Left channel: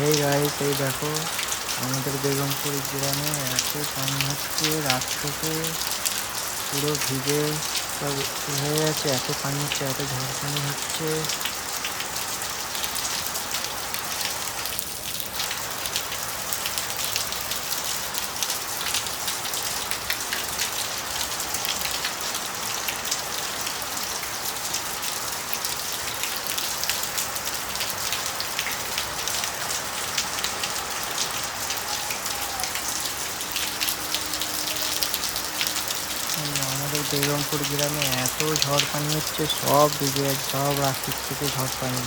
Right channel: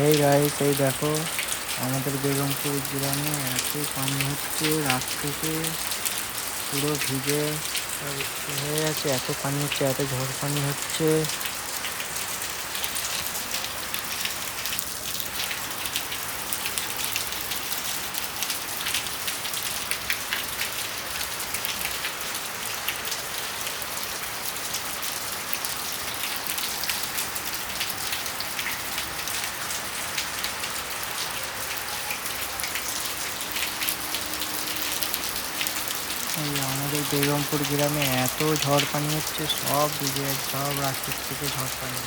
এই গাইস, এই দেখো আমাদের বেগমপুর গ্রামে এত পানি হচ্ছে, রাত থেকে পুরো ভিজে সব হয়ে যাচ্ছে। এত পানি হচ্ছে, এত ঝড় পানি হচ্ছে। এই আমাদের বেগমপুর গ্রামে এত ঝড় পানি হচ্ছে, সব ভিজে, সব রাস্তার থেকে ঝড় পানি।